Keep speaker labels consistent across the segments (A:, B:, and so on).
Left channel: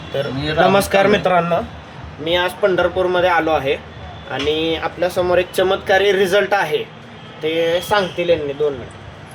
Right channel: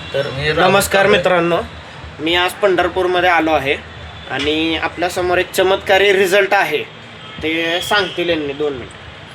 A: तर नमस्कार मित्रांनो, मी आज पंढरपूरमध्ये आलो आहे आणि आपल्यासमोर एक चमत्कारी रिझल्ट आहे, ते सांगतील यांनी 2 मिनिट.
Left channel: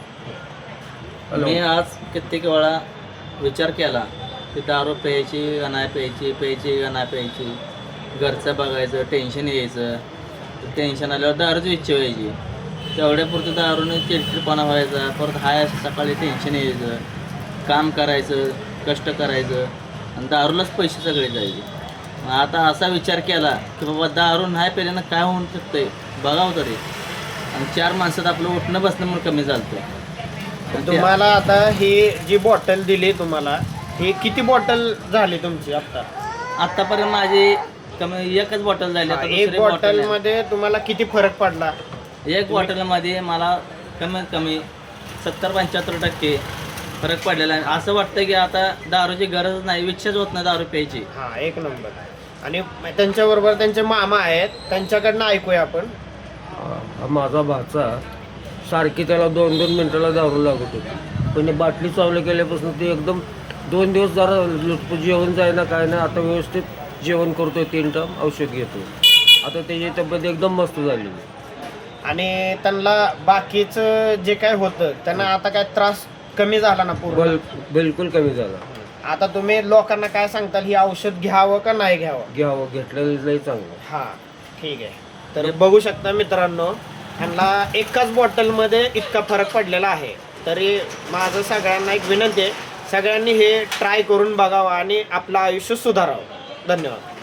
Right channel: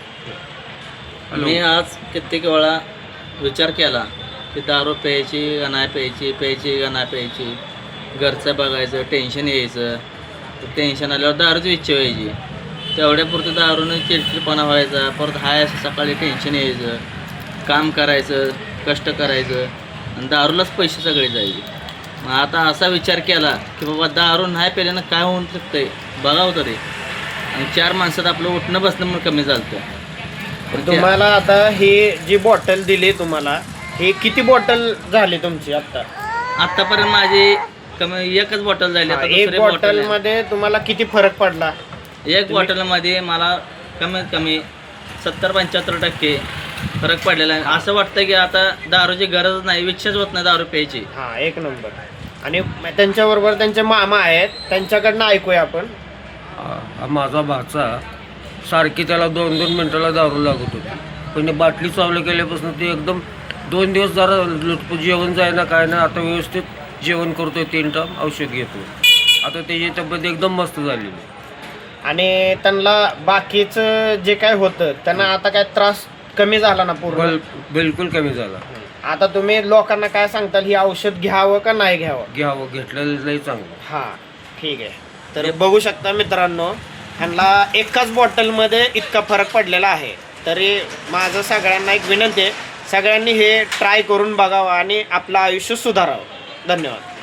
B: मी आज कित्येक वेळा विचार केला की दारू प्यायची का नाही प्यायची, प्यायची का नाही प्यायची, घरचं बघायचं, टेन्शन यायचं, टेन्शन आल्यावर दारूची इच्छा व्हायची, तेवढ्यापुरतं दारूनं चिडचिडपणा व्हायचा, परत हाय असं सकाळी टेन्शन यायचं, काम करायचं, कष्ट करायचं आणि दारूलाच पैसे सगळे जायचे. मग आता असा विचार केला की बाबा दारू नाही प्यायल्यानं काय होऊन शकतंय बघावं तरी, आणि 4 माणसात आपलं उठणं बसणं म्हणून कमी झालं.
A: तुम्हाला आता ही जी बॉटल दिली तुम्हाला, ही किती बॉटल झाली तुमची आता?
B: आतापर्यंत माझी कमी एकच बॉटल झाली. आता
A: एक
B: दुसरी
A: बॉटल
B: बॉटल
A: मध्ये तुम्हाला किती फरक पडला?
B: एक बॉटलमध्ये मला कमीत कमी 70-75% फरक पडलेला आहे. असं वाटतं की आता दारूची गरज नाही, इच्छाच होत नाही दारू प्यायची.
A: हा, एक नंबर. आणि त्यांच्याबरोबर त्यांचे मामा आहेत, त्यांच्याकडनं ऐकूया आपण.
C: माझा भाचा सारखी त्याला 2-2 मिनिटाला दारू लागत होती, पण बाटली चावलं केल्यापासून ते एकदम 2 दिवस जरा लुटपूट जेवण जायना काय नाही. आता व्यवस्थित जेवण करतोय, 3 टाइम औषध घेतोय. आता त्याची तब्येत एकदम मस्त झालेली.
A: आणि त्यांना बाकीचं जे काय होतं त्यांना आता काय त्रास कमी झाला ना पूर्ण?
C: बिलकुल कमी झाला.
A: आता तुम्ही लोकांना काय सांगताल, ही औषध घ्यावं का नाही घ्यावं?
C: घेतलेलं लई चांगलं.
A: हा, ठीक आहे. तर बघू शकता मित्रांनो, ह्यांना एकाच बॉटलमध्ये इतका फरक पडलेला आहे. तरी माझं सगळ्यांना एक विनंती आहे, सगळ्यांनी हे ट्राय करून बघावं आणि आपलं आयुष्य सुधारावं. धन्यवाद.